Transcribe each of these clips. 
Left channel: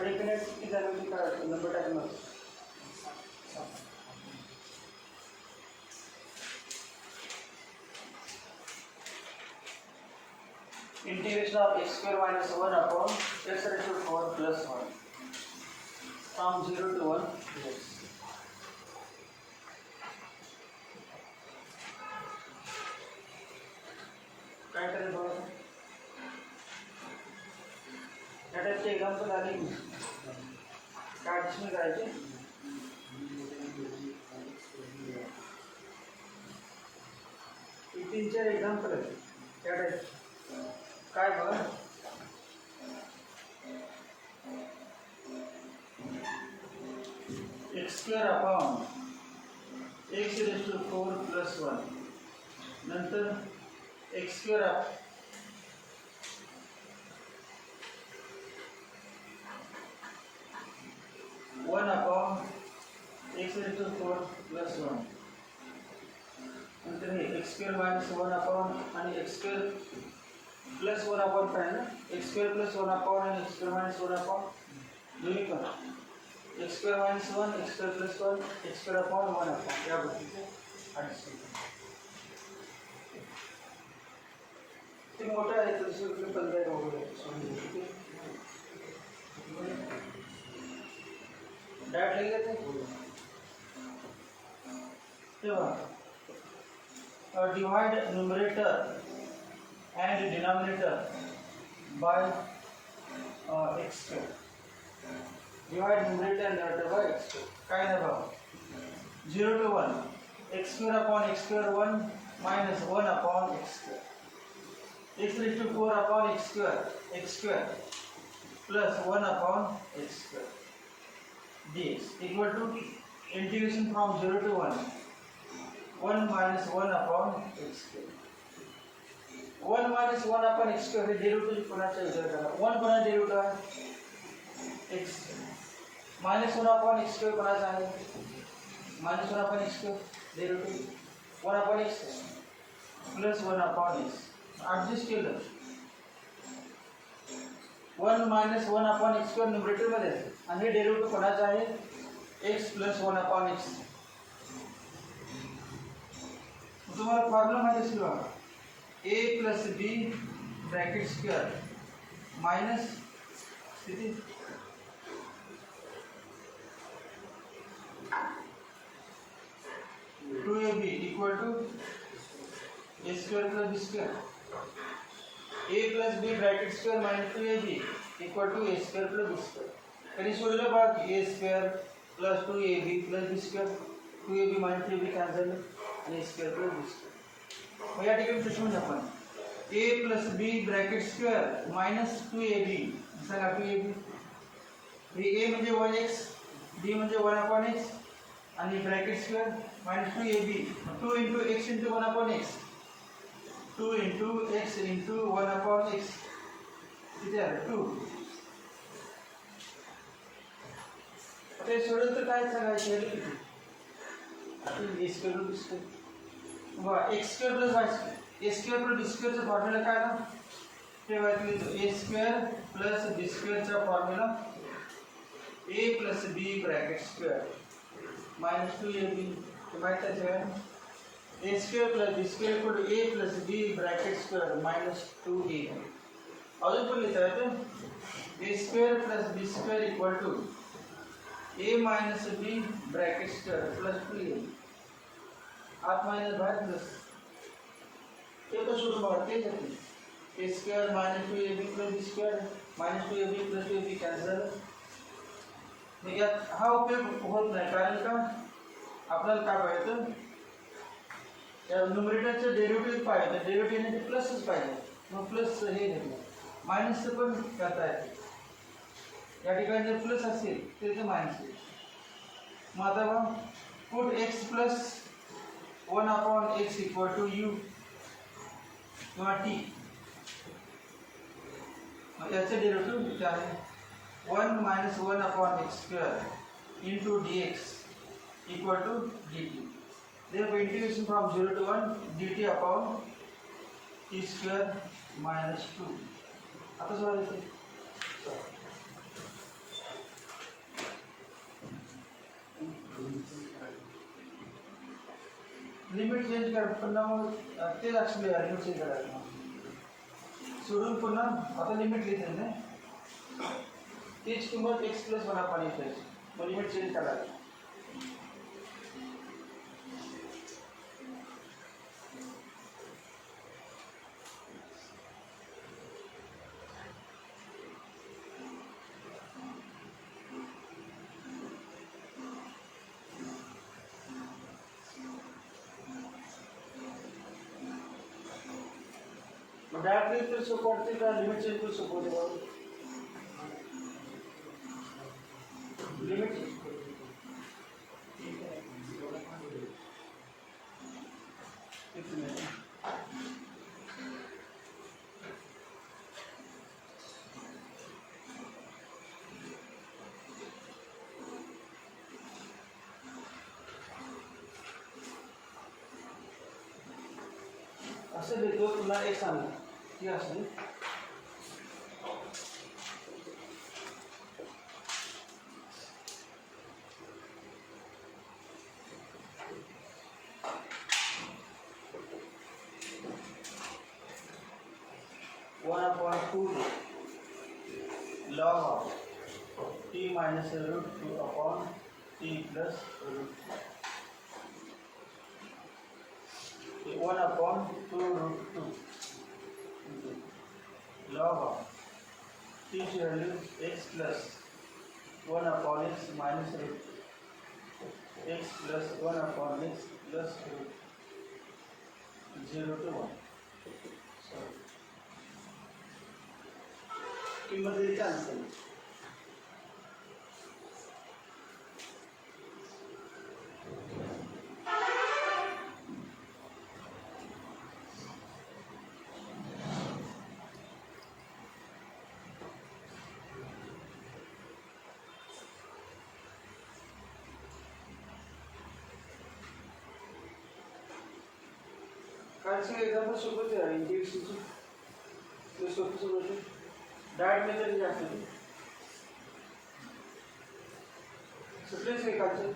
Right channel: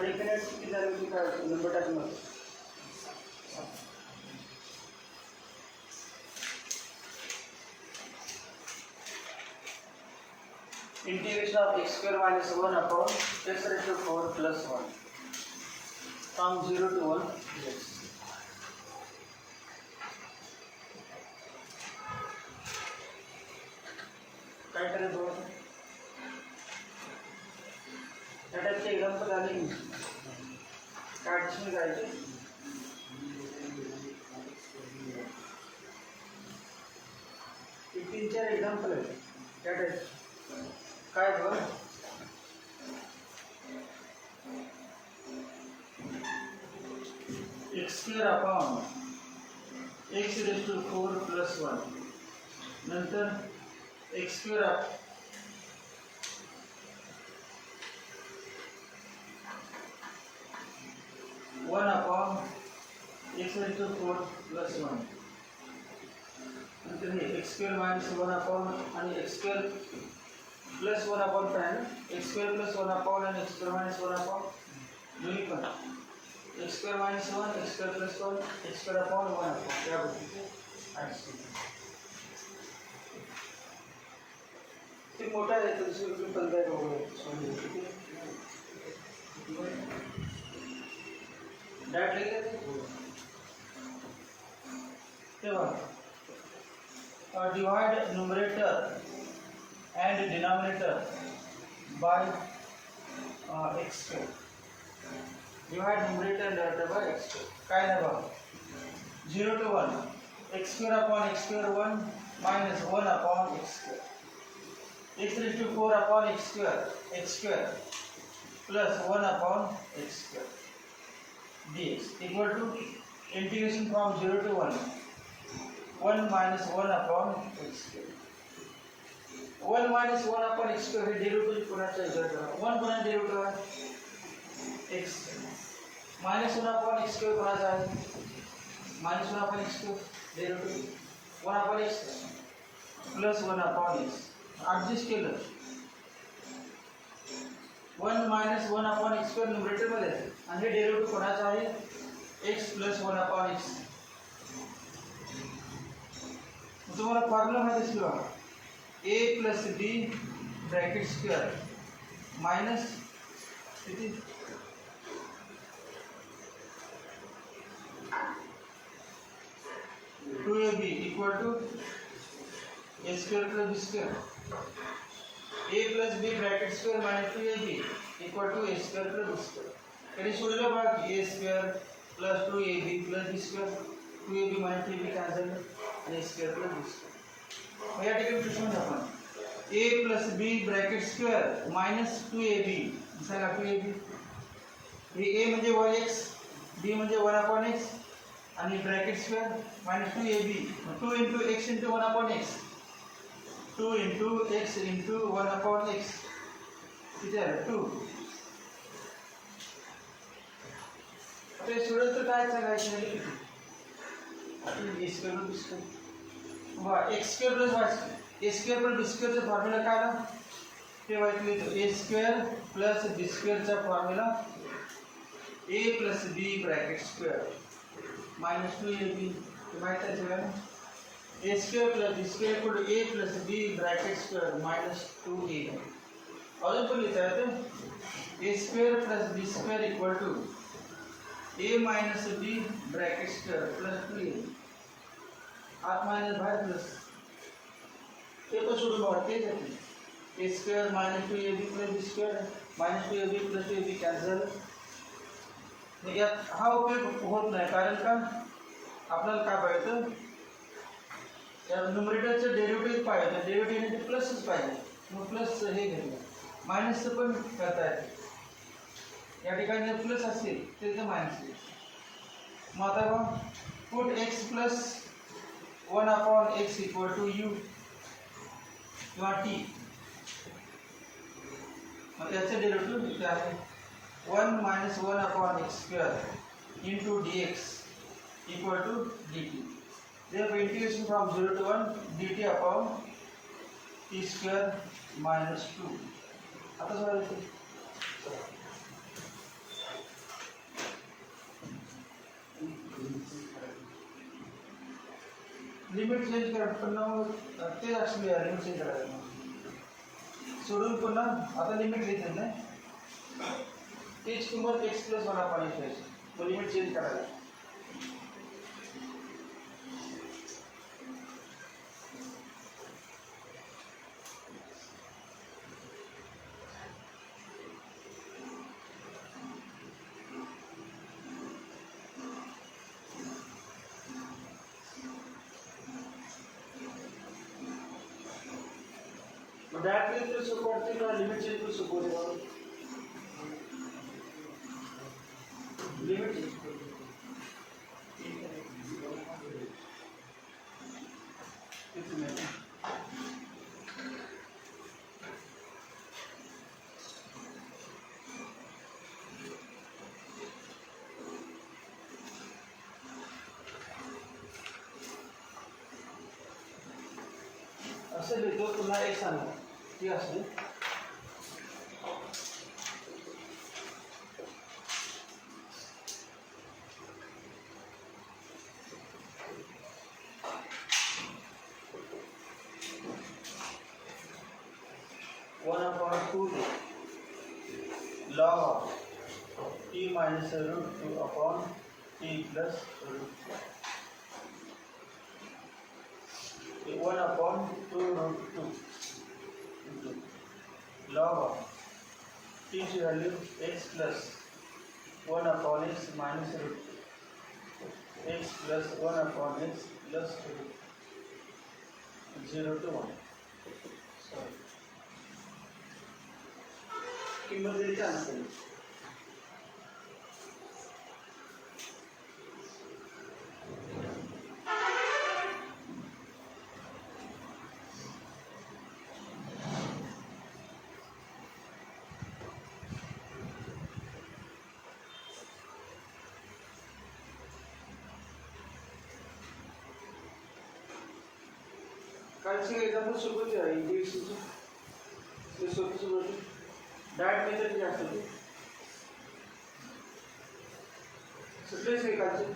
डेफिनेट किती झालं की काय नंबर टाकणार. Integration of x square minus 1 upon x raised to 4 plus 1 from 0 to 1 dx. काय करेल बघा या टाईपचे एक्झाम्पल आले काय ॲडिशनल करायचे. तीन चार एक्झाम्पल आहेत त्या टाईप काय बघ x square upon x raise to 4 plus 1 नंतर x square 1 upon x raise to 4 plus 1 नंतर हे एक्स स्क्वेअर मायनस 1 अपॉन आणि एक्स स्क्वेअर प्लस 1 अपॉन काय ना एक्स स्क्वेअर प्लस 1 अपॉन आणि एक्स स्क्वेअर मायनस 1 अपॉन दोन्ही पण x square minus 1 x square plus 1 x square upon 1 upon या गोष्टीचे ॲडिशन. ते मोठं आहे तर दुसरी कुठली पण काय वगैरे डायरेक्ट लिहिले तेव्हा divide numerator and denominator by x square. Divide numerator and denominator by x square. काय नाही बघा 0 to 1 x square upon x square 1 minus 1 upon x square. X raised to 4 upon x square plus 1 upon x square dx equal to integration from 0 to 1 minus 1 upon x square. 1 minus 1 upon x square हे डेरिव्हेटिव्ह कोणाचा विचार करा. 1 कोणाचा डेरिव्हेटिव्ह आहे x minus 1 upon x square कोणाचा आहे minus 1 upon x square derivative 1 upon x plus 1 upon x adjust केलं 1 minus 1 upon x square numerator मध्ये आणि हे डेरिव्हेटिव्ह कोणाचा आहे x plus 1 upon x. तुम्हाला फॉर्म्युला माहिती असेल बघा a plus b bracket square minus किती 2ab equal to a square plus b square. a plus b bracket square minus 2ab equal to a square plus b square. कधी सोडलं बघा a square plus 2ab plus b square 2ab minus 3b cancel आणि a square plus b square. मग या ठिकाणी प्रश्न आपण a plus b bracket square minus 2ab सांगा 2ab हे a म्हणजे 1x b म्हणजे 1 upon x आणि bracket square minus 2ab 2 into x into 1 upon x 2 into x into 1 upon x किती आहे 2. ते सोडलं तर काय सांगायचं a square plus b square बघा x square plus y square a square plus b square चा फॉर्म्युला काय ना तेव्हा इथे a square plus b square चा formula a plus b bracket square minus 2ab माहिती आहे a square plus b square equal to a plus b bracket square minus 2a. अजून पण लिहिता येतं a square plus b square equal to a minus b bracket square plus 2a आत मायनस बाहेर प्लस ते पण सोडून बघा तेच आहे a square minus 2ab plus b square minus 2ab plus 2ab cancel. यात हा उपयोग होत नाही कारण का आपल्याला काय पाहिजे त्या न्यूमरेटरचं डेरिव्हेटिव्ह पाहिजे डेरिव्हेटिव्हने ते प्लसच पाहिजे मग प्लस हे घेतलं मायनसचं पण करता येते. या ठिकाणी जर प्लस असेल तर ते मायनस येईल. मग आता बघ put x plus 1 upon x equal to u किंवा t. मग याचं डेरिव्हेटिव्ह किती आहे 1 minus 1 upon x square into dx equal to dt. Therefore integration from 0 to 1 dt upon t square minus 2. आता सोडायचं लिमिट चेंज कर पुन्हा मग तेच ॲक्च्युली लिमिट चेंज करायचं मग सोडून पुन्हा आता लिमिट लिहिते ना तीच किंमत एक्स प्लस वन आपण ठेवायची मग लिमिट चेंज करायचं डायरेक्टली तो सपोर्ट का लिमिट चेंज को सपोर्ट है लिमिट चेंज कितने असं लिहितो तुला एक सांग ती असते 1/2 log of t minus root 2 upon t plus root 2. 1/2 root 2 into log of t's value x plus 1 upon x minus root x plus 1 upon x plus root 0 to 1. Sorry. किंमत दिली आन्सर कालचे एक्झाम्पल सोबत आहे इंटिग्रेशनचे ते सोपं सोबत डायट मेथड जास्त होती सुटलेच आहे कालचे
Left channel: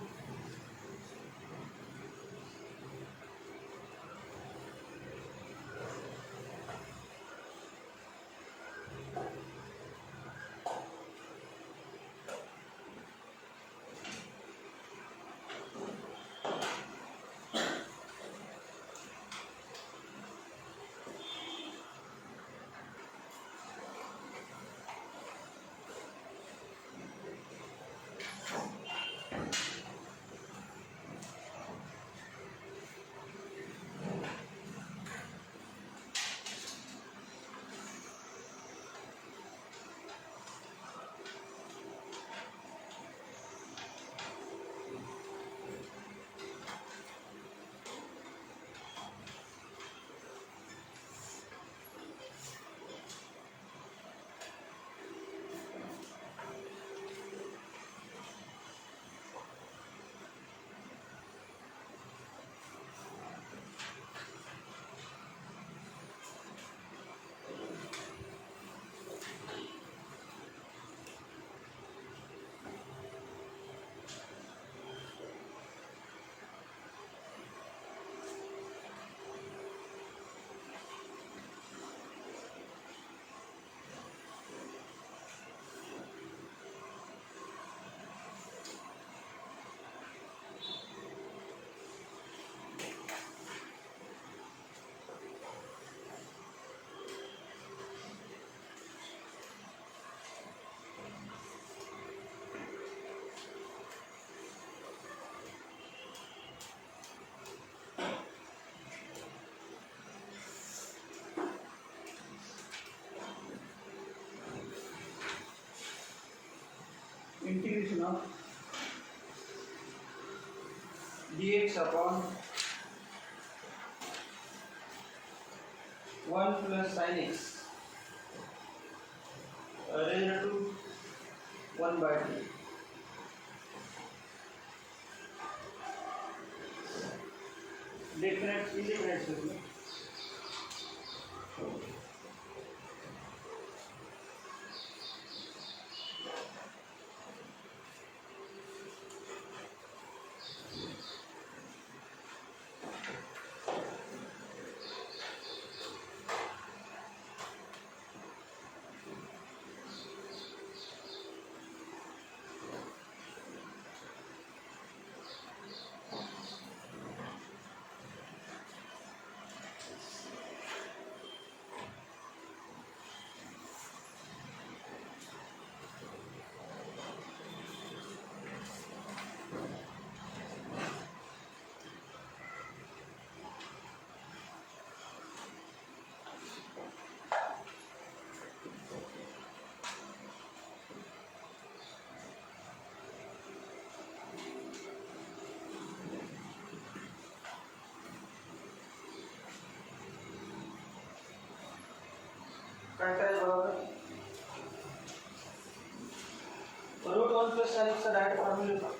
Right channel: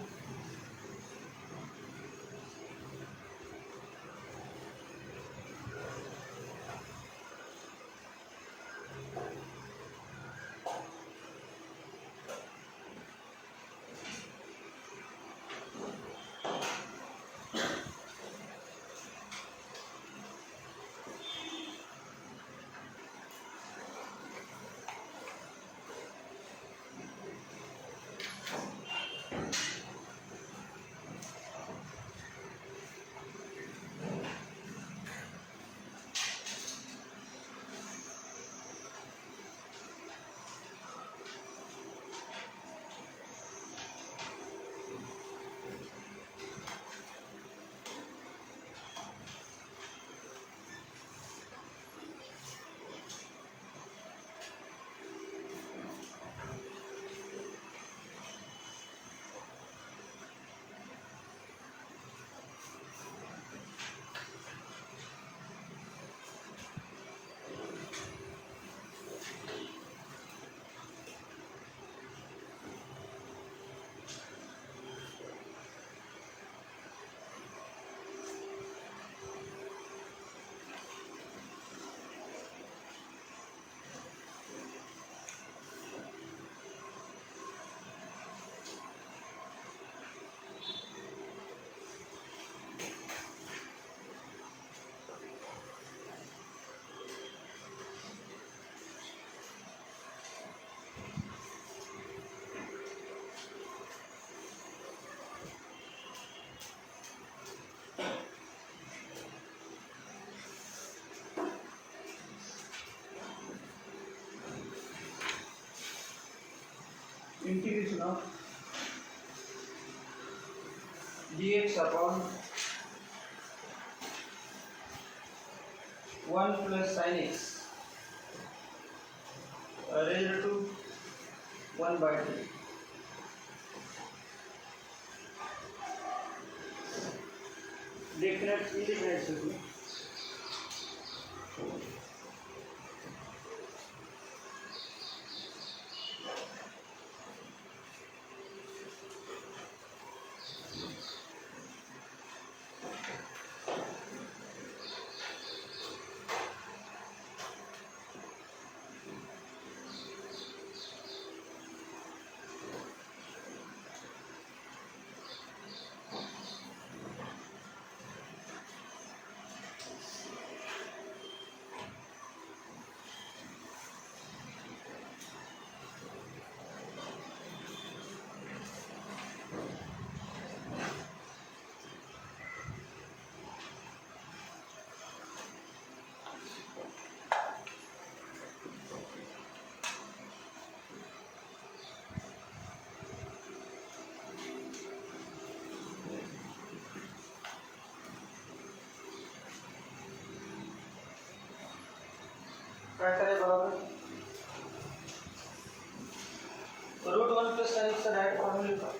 integration of dx upon 1 plus sin x raised to 1/3. Definitely. काय करायचं बघा, रूट 1 प्लस साइन एक्सचा डायरेक्ट फॉर्म्युला लिहू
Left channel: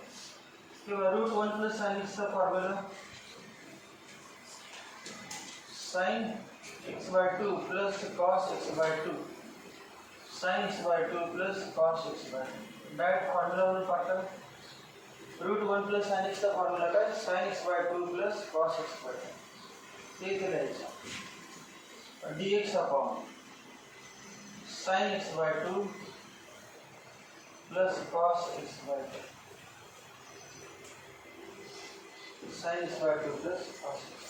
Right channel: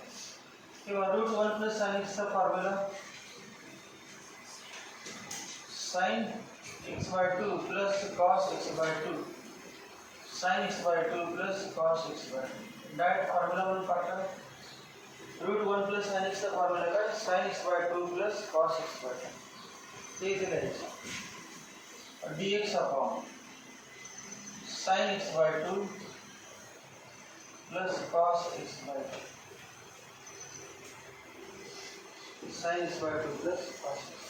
किंवा रूट 1 प्लस साइन एक्सचा formula sine x by 2 plus cos x by 2 sine x by 2 plus cos x by 2 direct formula म्हणून पाठवा. Root 1 plus sine एक्सचा फॉर्म्युला काय, sine x by 2 plus cos x by 2 ते इथे लिहायचं. dx upon sine x by 2 plus cos x by 2 sine x by 2 plus cos x.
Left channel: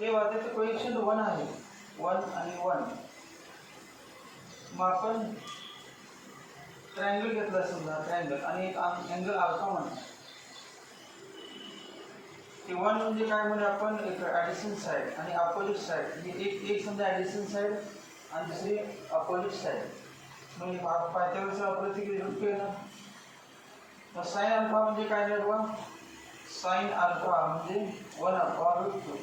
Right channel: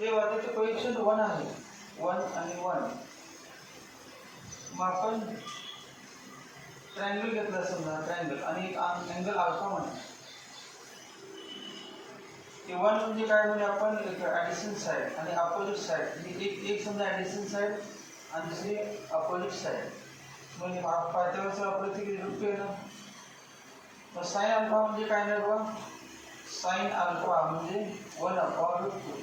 हे वाद्याचं coefficient 1 आहे, 1 आणि 1. मग आपण ट्रायंगल घेतला समजा, ट्रायंगल आणि एक अँगल अल्फा म्हणा. ते 1 म्हणजे काय म्हणजे आपण एक ॲडिशन साइड आणि अपोजिट साइड, एक समजा ॲडिशन साइड आणि दुसरी अपोजिट साइड. म्हणजे पायथागोरसचा वापर किती रूट केला. मग साइन अल्फा म्हणजे काय नाही बघा, साइन अल्फा म्हणजे 1 अपॉन रूट 2.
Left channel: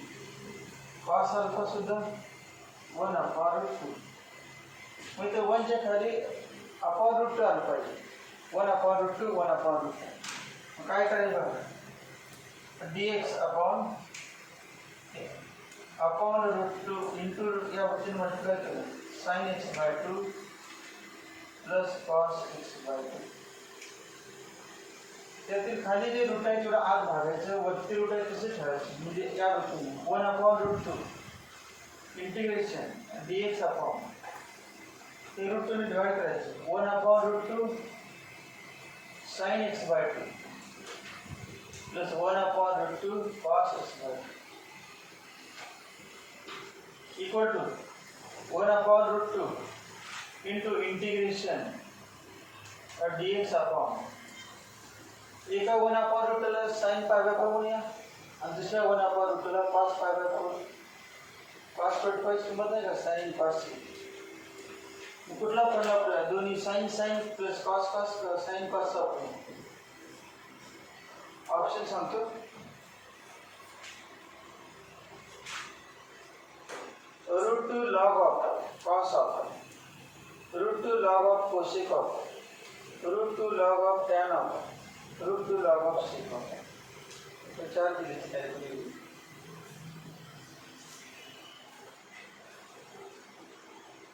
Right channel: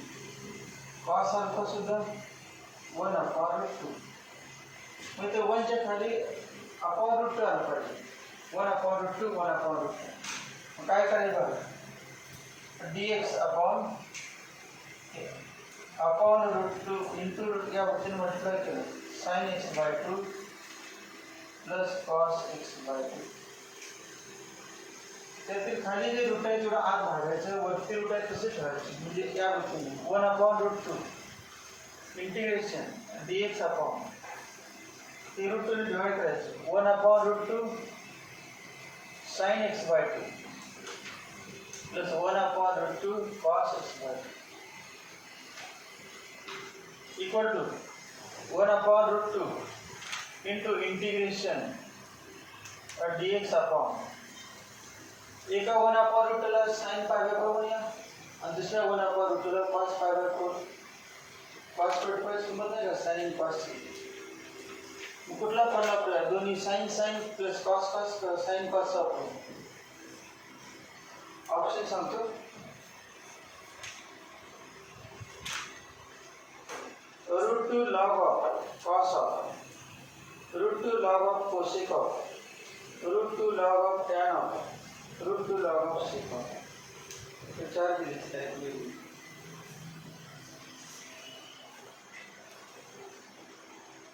कॉस अल्फा सुद्धा 1 अपॉन रूट 2. म्हणजे ते 1च्या खाली अपॉन रूट 2 आलं पाहिजे. 1 अपॉन रूट 2, 1 अपॉन रूट 2. मग काय करायचं बघा, dx अपॉन रूट 2 इंटू या गोष्टीने मल्टिप्लाय केलं, sine x by 2 plus cos x by 2. त्यातील खाली जे रूट आहे तेवढं आत भागायचं, वरती रूट आहे तसे ठेवायचे. म्हणजे या गोष्टीने 1 upon root 2 integration dx upon ते रूट 2 ने डिवाइड करायचं, 1 upon root 2 sine x by 2 plus 1 upon root 2 cos x by 2 equal to 1 upon root 2 into integration dx upon एका 1 अपॉन रूटला साइन पाय बाय 4 म्हणूया आणि दुसऱ्या 1 अपॉन रूटला cos pi by 4. Cos 45 किंमत नाही का, साइन कॉस. कुठला पण आपल्याला दोन्ही sine sine plus cos cos sine cos आपण ऑप्शन सांगतो. Root 2 log of cos of, root 2 log of cosec of, root 2 log of tan of, root 2 log of sec of. हे 4 दिले आहेत.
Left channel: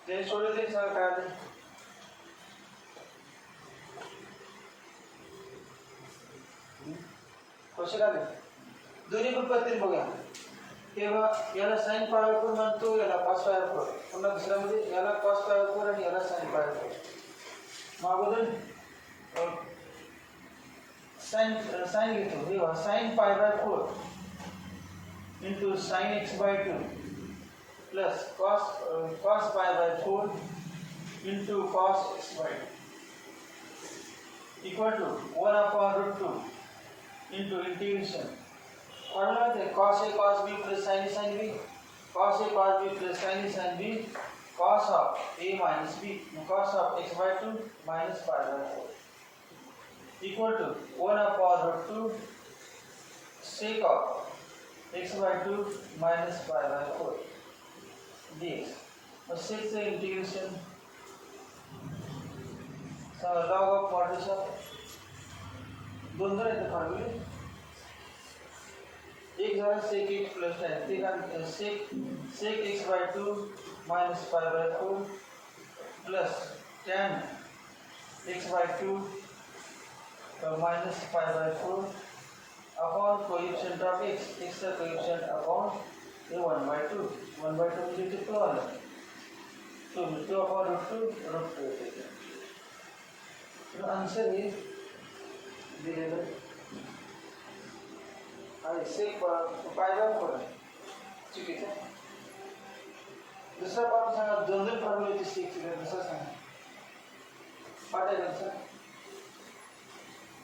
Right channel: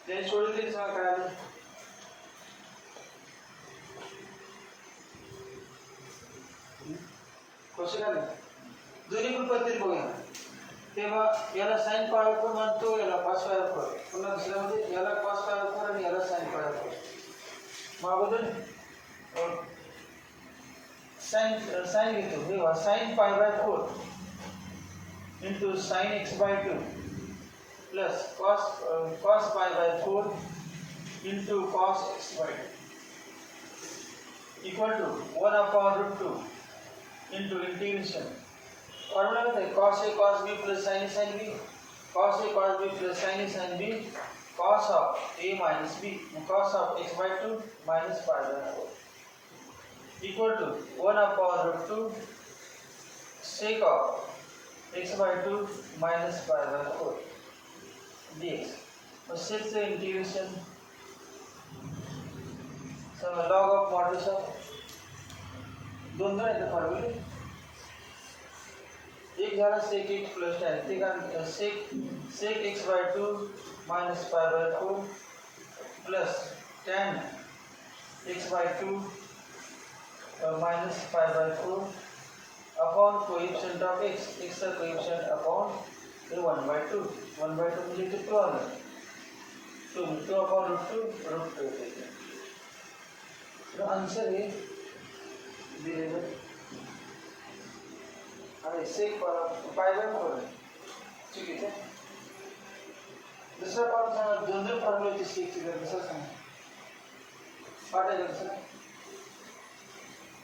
ते सोडले सांग काय आले. कसे काय दोन्ही पण पद्धती बघा. तेव्हा याला साइन पाय 4 म्हणतो, याला कॉस पाय 4. पुन्हा दुसरा म्हणजे याला कॉस पाय 4 आणि याला साइन पाय 4. मग अगोदर साइन घेतो. तेव्हा sine pi by 4 into sine x by 2 plus cos pi by 4 into cos x by 2 equal to 1 upon root 2 into integration formula होता है cos a cos b plus sin a sin b, cos a cos b plus sin a sin b, cos of a minus b, cos of x by 2 minus pi by 4 equal to 1 upon root 2 sec of x by 2 minus pi by 4 dx. और sec से integration log of modulus of दोनों रहते फॉर्मूले. एक झाला sec x plus tan, ते का sec x by 2 minus pi by 4 plus tan x by 2 minus pi by 4 upon coefficient of x, x का coefficient upon ये 1 by 2 मुझे कितना आ रहा है 2 upon root 2 तो आंसर ये दिलेलं आहे sec pi by 4 आहे. चुकीचं आहे. दुसरा पाठ सांगा, दोन फॉर्म्युले sec चे दुसरा सांगा पाठायचं सर.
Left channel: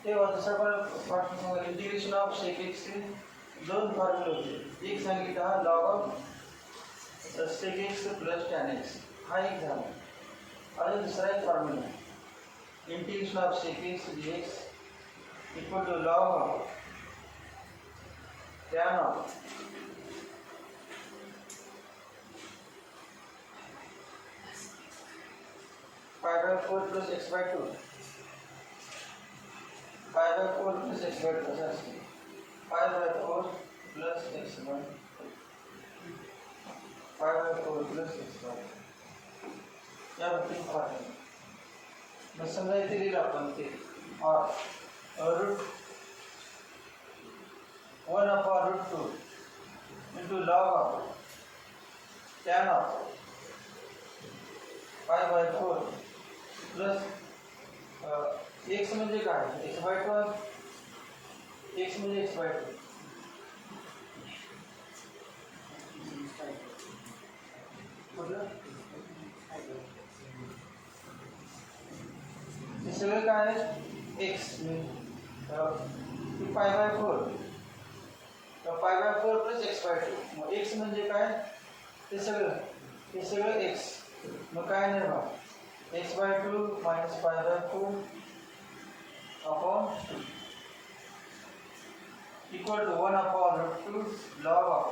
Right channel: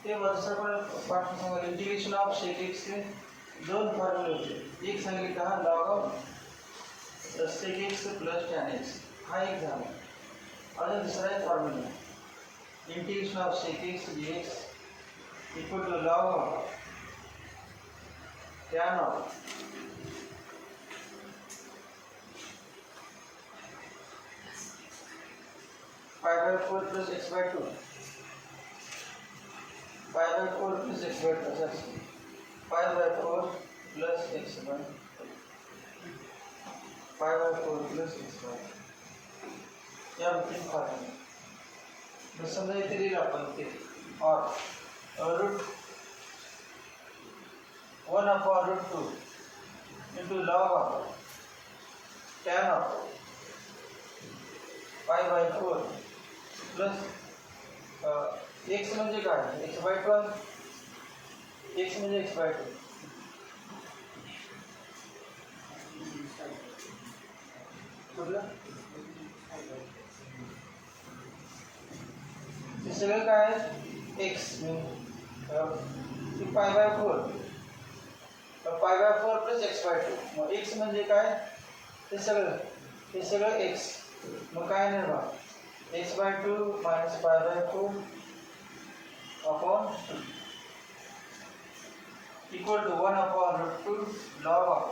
तेव्हा दुसरा पाठ सांगा इंटिग्रेशन ऑफ sec x चे दोन फॉर्म्युले होते. एक सांगितलं हा log of sec x plus tan x हा एक झाला. आणि दुसरा एक formula integration of sec x dx equal to log of tan of 5/4 plus x by 2. 5/4 plus x by 2. That's 5/4 plus x by 5/4 plus x by 2. या बुकिंग करेंगे बस समझा इतनी रील अपन के और root 1/√2 into log of tan of 5/4 plus x म्हणजे काय x/2 x म्हणजे x/2 बघा हे सगळं काय आहे x म्हणजे π/4 π/4 प्लस x/2 मग x म्हणजे काय हे सगळं x मग काय नाही बघा x/2 minus π/4 upon 2 equal to 1/√2 log of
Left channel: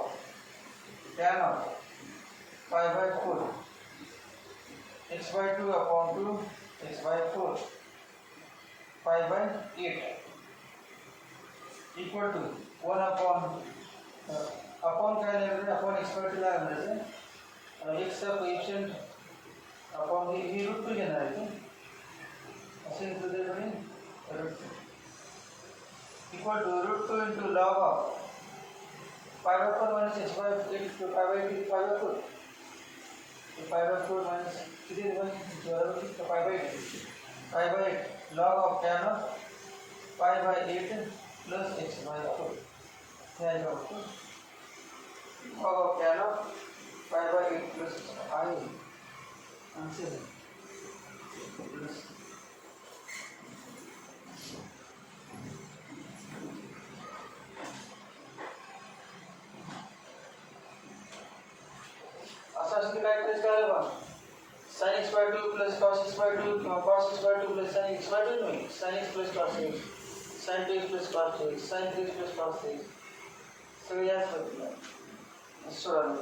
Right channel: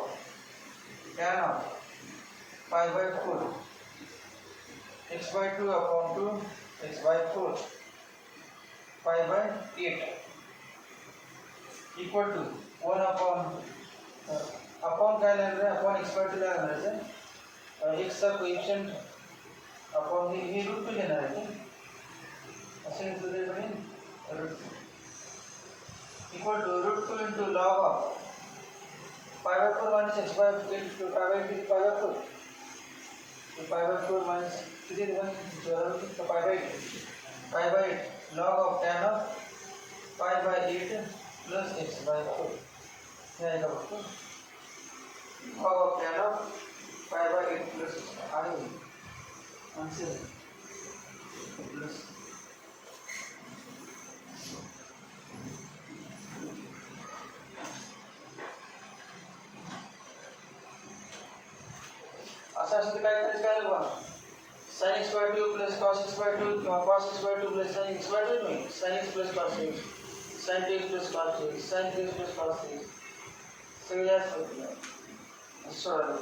tan of 5/4 x/2 upon 2 x/4 5/8 equal to 1 upon काय लागलं upon x/2 लागलं आहे x चा कोएफिशिएंट अपॉन ही रूट 2 घेणार आहे असे घेतलं तरी पण root 2 equal to √2 into log of 5/4 minus x/8 to 5/4 तो 5/4 minus किती देणार तो 5/8 log of tan of 5/8 plus x/4 हे आहे log of tan of 5/8 plus x/4 answer plus असा काय करायचं काय बघा sin x/2 plus cos x/2 किंवा cos x/2 plus sin x/2 नाही sin x plus cos x sin 2x plus cos x sin 3x plus cos x सगळे याच होतं सोडा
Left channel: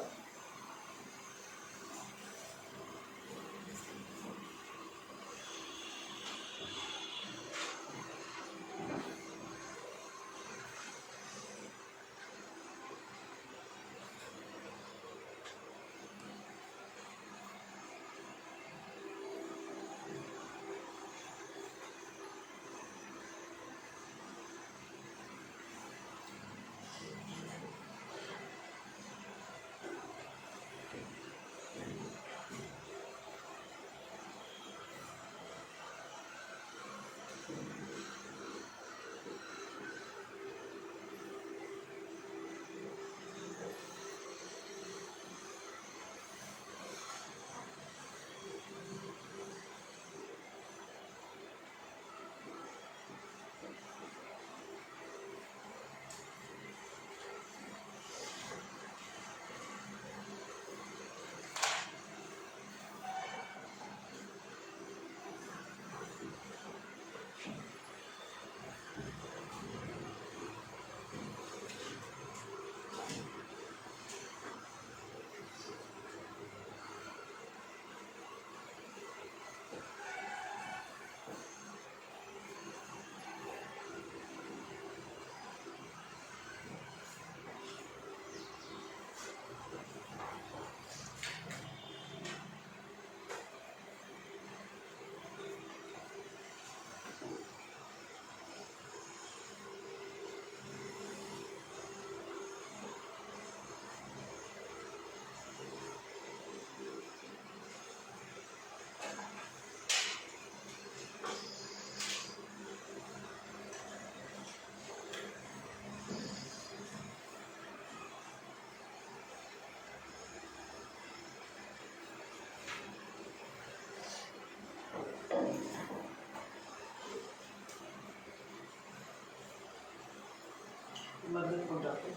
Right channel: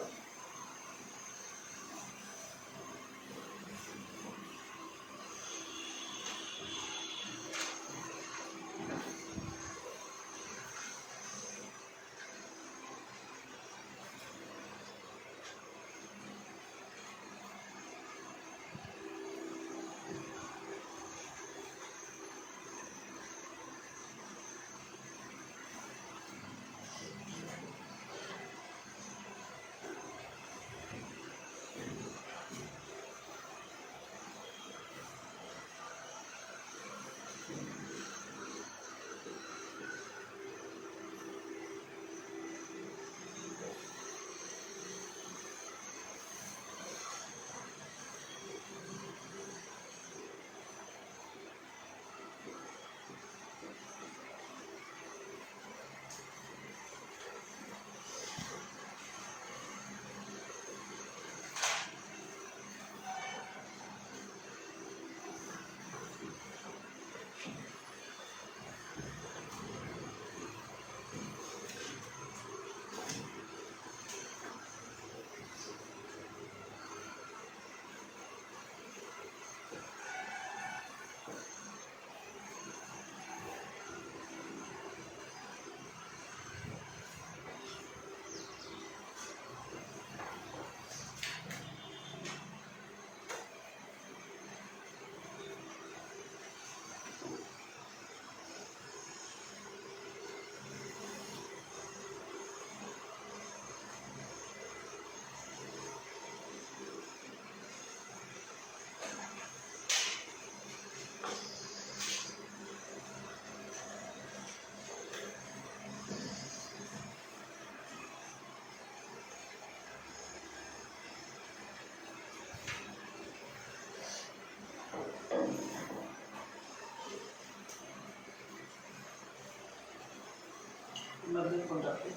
मधले कोण टाकते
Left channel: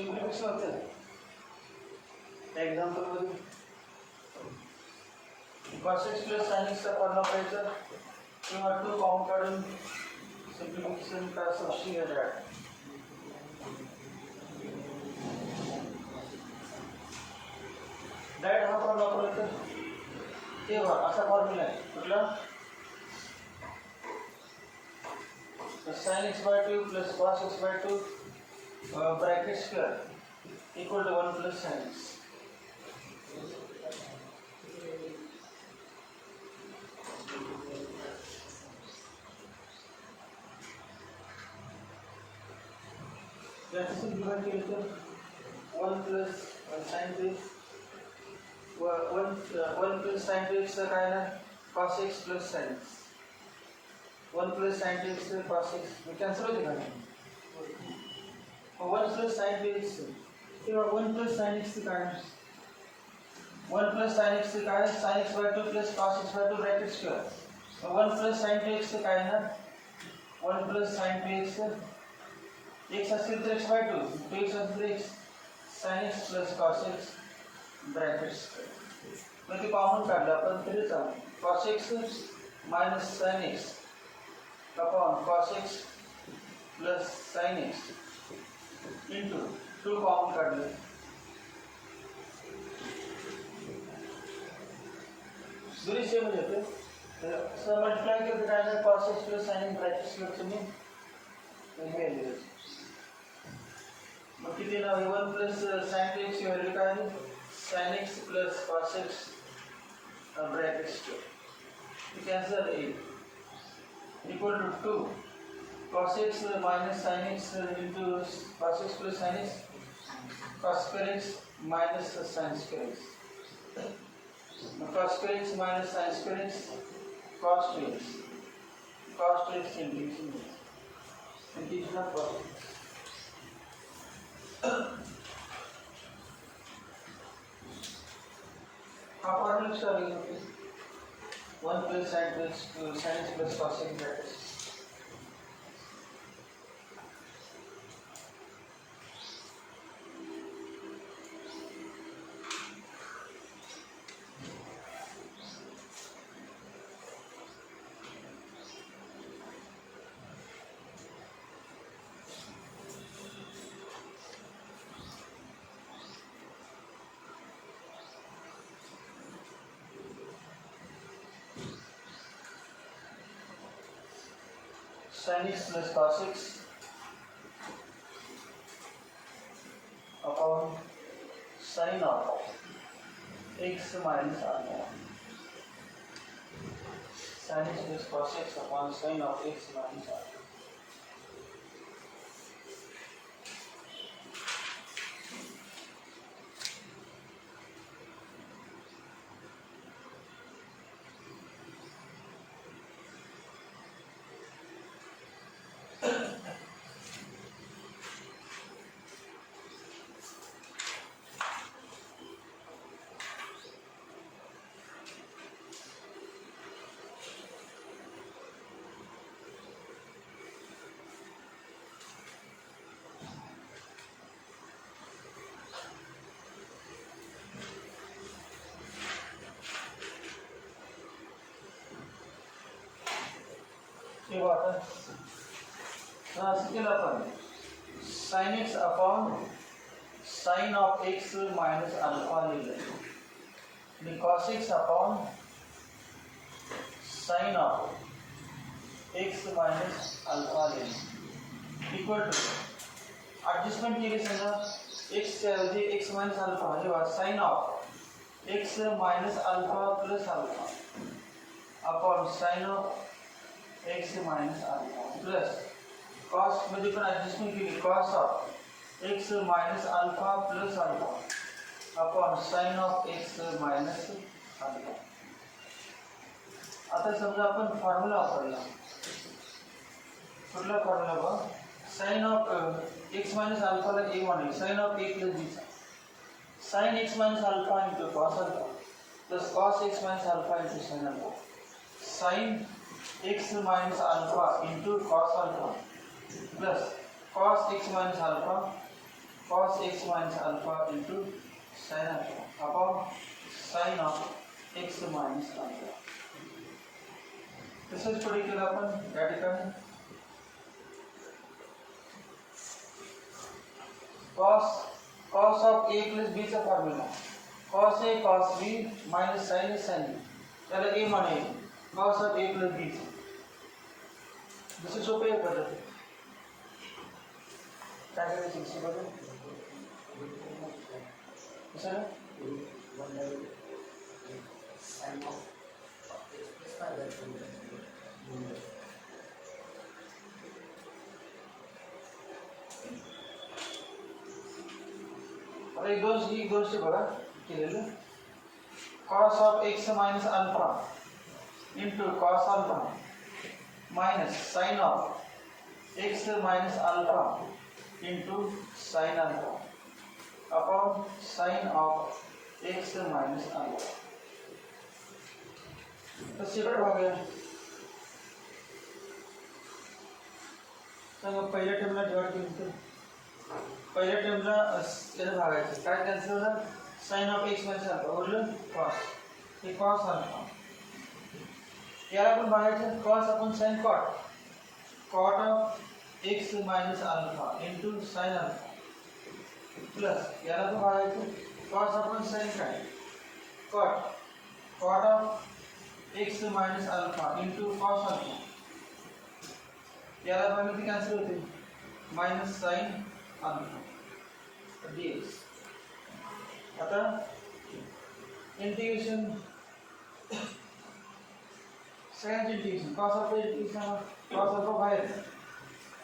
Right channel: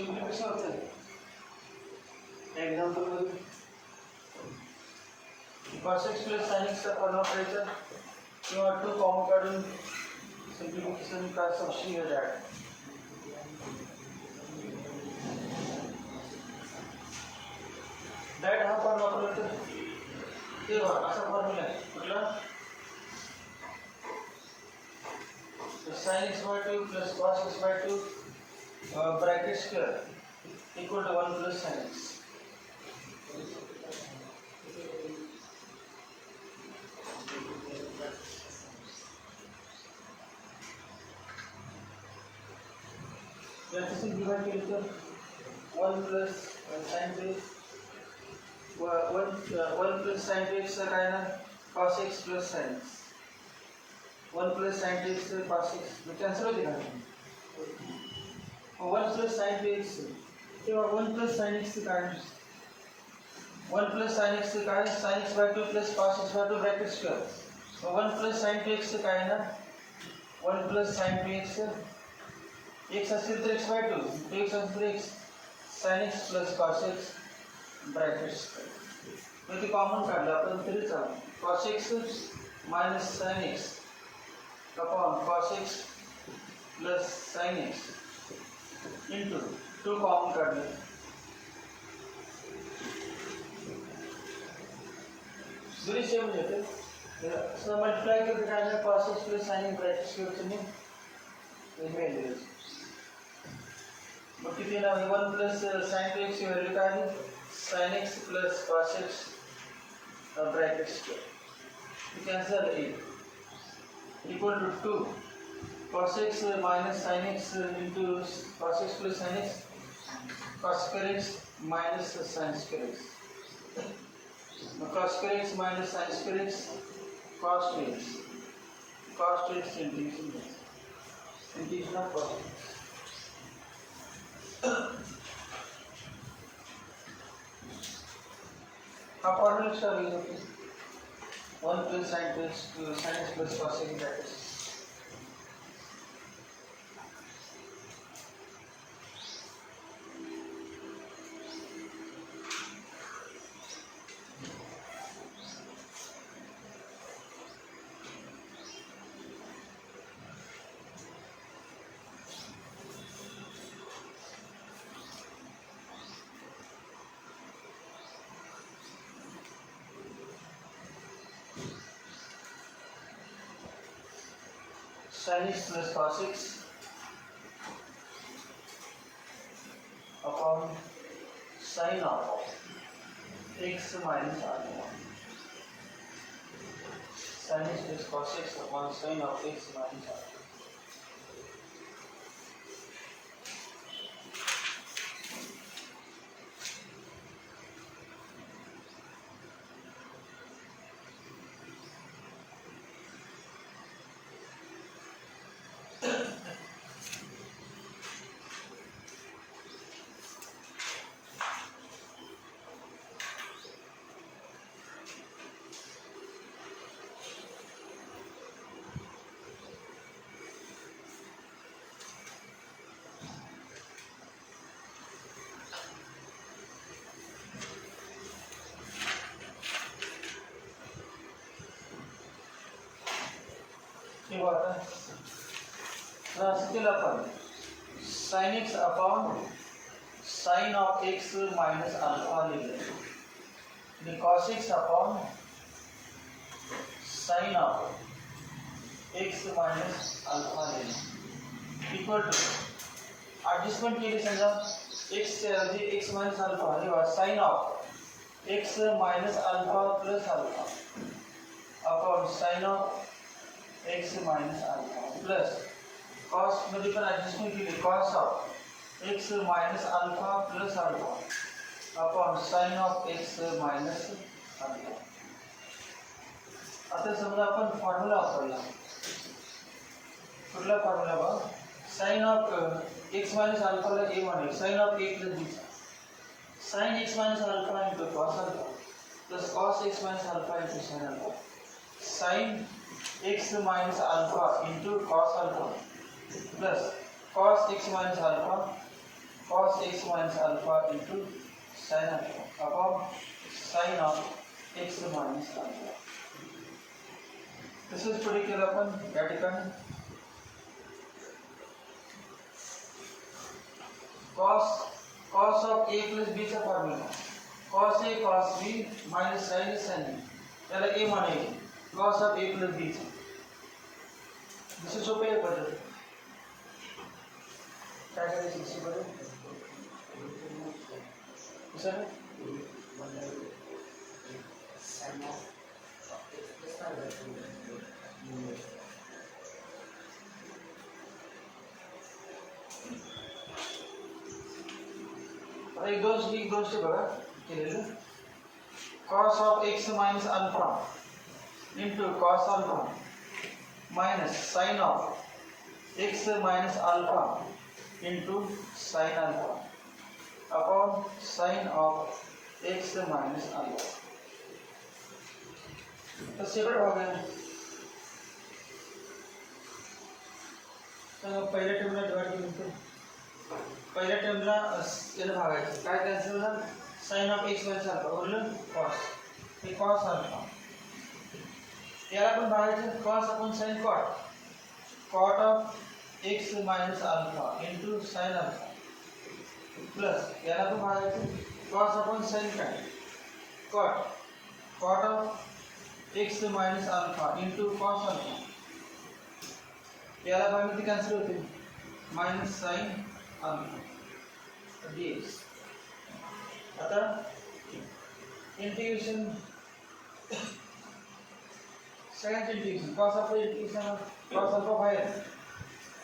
सिम्प्लिफिकेशन होतं एक्झाम्पल मध्ये cos x plus sin x चा फॉर्म वापरायचा किंवा 2 कॉमन काढून सिम्प्लिफिकेशन का सबस्टिट्यूट करायचं डायरेक्ट हा फॉर्म वापरला तर तेव्हा असा फॉर्म्युला आहे कुठला sin x by 2 plus cos x by 2 bracket square equal to 1 plus sin x. याचं डिवाइड केलं तर 1 plus sin x 1 plus sin x काय ना cos x plus sin x 1 plus sin x cos x cancel होते का 1 plus sin x तेव्हा 1 plus sin x काय 1 plus sin x काय sin x by 2 plus cos x by 2 bracket square 1 plus sin x काय ना 1 plus sin x x असेल तर x by 2 x असेल तर x sin x plus cos x bracket square मग ते कॉमन काढलं आपण तरी चालेल cos x minus sin x upon cos x plus sin x into 2 common काढले दोन्ही सेम येते सो मल्टिप्लाय करते काय नाही cos x plus sin x bracket square तुम्ही मिळेल मग किती ना 1 plus sin x ची व्हॅल्यू काय आहे sin x plus cos x bracket square you cancel 8 equal to 2 cos x minus sin x into cos x plus sin x cos square x minus sin square x cos square x minus sin square x cos 2x integration of cos x हा formula star होते 1 plus sin x plus cos x bracket sin x plus cos x upon sin of x minus alpha sin x plus cos x upon sin of x minus alpha ये बात है इसके अपन sin x upon sin of x minus alpha ले लें cos x upon sin of x minus alpha ले लें equal to adjustment के लिए समझा x से जी x minus alpha ये बात sin of x minus alpha plus alpha upon sin of x minus alpha plus cos मध्ये पण ऍडजस्टमेंट केली cos of x minus alpha plus alpha upon sin of x minus alpha आता समजा आपण फॉर्म्युला वापरला कुठला फॉर्म्युला बघ sin of x minus alpha ला a म्हणून sin of a plus b sin x minus alpha into cos alpha plus cos x minus alpha into sin alpha sin x minus alpha into cos alpha plus cos x minus alpha cos x minus alpha into sin alpha upon sin of x minus alpha. This is particular upon radical cos of a plus b चा formula cos a cos b minus sin a sin b त्याला a मानेल cos of a plus b चा दुसरी सोपी आहे पद्धत काय करायचं दुसरी पद्धत कसं एक गोष्ट बघा केलेलं cos of x minus alpha into cos alpha minus sin of x minus alpha into sin alpha upon sin of x minus alpha. तो सेपरेट भाग है तो पहिल्या टर्मला डिवाइड केलं पहिल्या टर्मला याला भागायचं काय कॅन्सल होणार sin of x minus alpha वरलं cos हे cos alpha याला पण भागायचं cos upon sin cot of x minus alpha into sin alpha plus याला पण भागायचं cos upon sin काय cot of x minus alpha into cos alpha याला भागले ते कॅन्सल होते minus sin alpha dx. आता इंटिग्रेशन सगळ्यांचे इंटिग्रेशन cos alpha बाहेर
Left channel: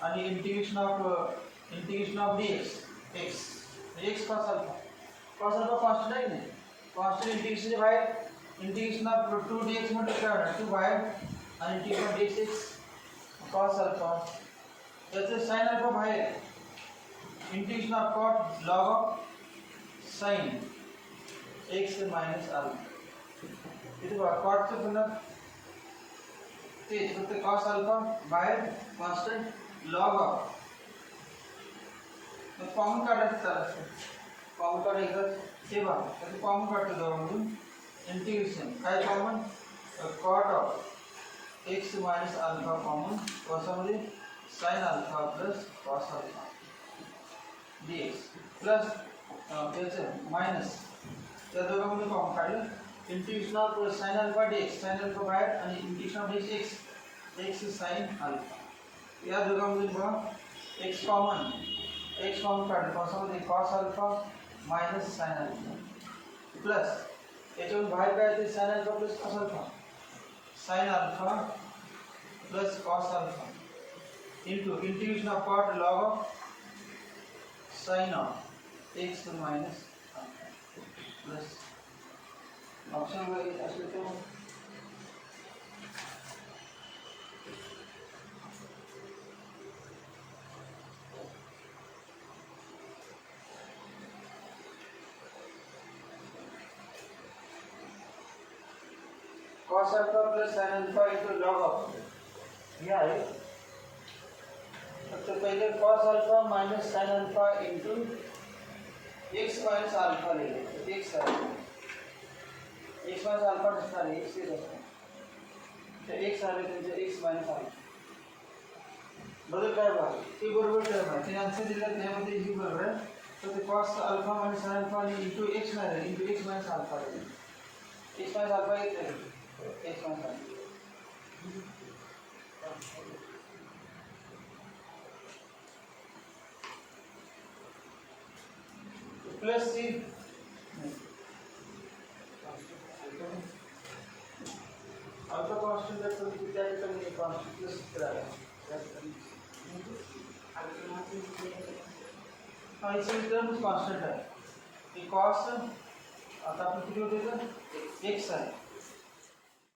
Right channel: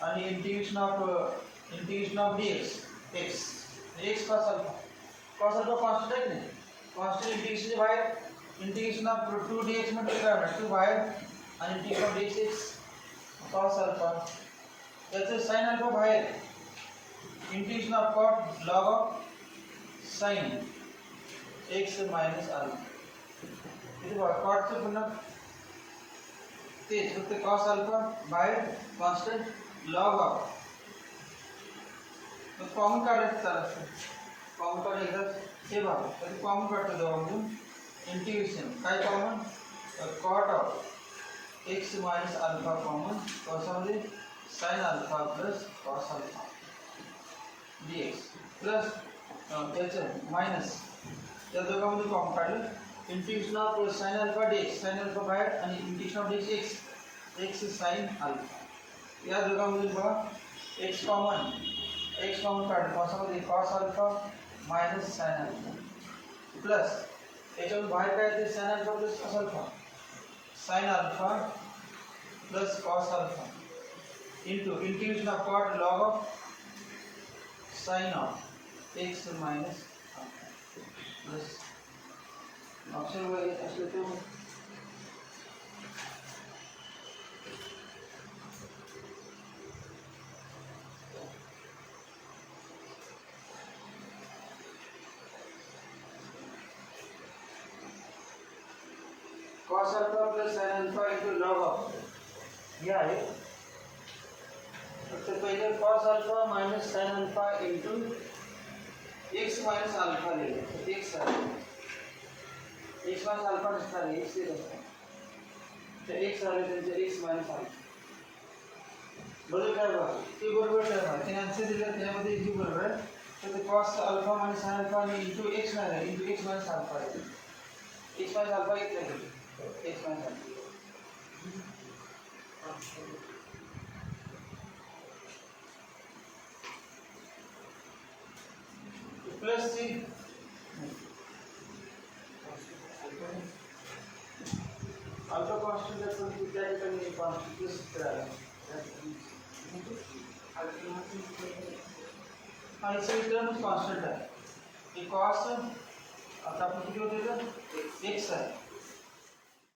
आणि integration of dx x cos alpha constant आहे नाही कॉन्स्टंट इंटिग्रेशनचे बाहेर इंटिग्रेशन ऑफ 2dx म्हणजे काय होणार 2 बाहेर आणि integration of dx cos alpha त्याचे sin alpha बाहेर integration of cot log of sin x minus alpha इथे बघा cot चे पुन्हा तेच फक्त cos alpha बाहेर कॉन्स्टंट log of मग कॉमन काढायचं चालतं कॉमन काढ एकदा हे बघा तर कॉमन काढतो दोघांमधून इंटिग्रेशन काय common cot of x minus alpha common कॉसामध्ये sin alpha plus cos alpha dx plus त्याचं मायनस त्या दोघांमध्ये कॉमन काढलं integration of sin alpha dx sin alpha बाहेर आणि integration of dx x sin alpha या दोघांमध्ये बघा x कॉमन काढलं कॉसामध्ये cos alpha minus sin alpha plus याच्यावर बाहेर काय येते sin alpha plus cos alpha sin alpha plus cos alpha into integration of cot log of sin of x minus alpha plus option वगैरे असले तो cos alpha plus sin alpha into log of ये आहे तो पहले cos alpha minus sin alpha into x minus alpha ले लेते x minus alpha कितना है x से रहता तो x आ रहे थे x minus alpha बदल काय बघा ते बरोबर टर्म आहे ते आन्सर दिला त्यामध्ये ही बरोबर आहे तो ते cos alpha minus sin alpha ने into x minus alpha आहे x minus alpha इथे आहे x minus alpha plus C alpha constant है तो क्या करेंगे कांस्टेंट प्लस कराएंगे और इससे टर्म कांस्टेंट है ये cos आता आपने किती होते हैं x है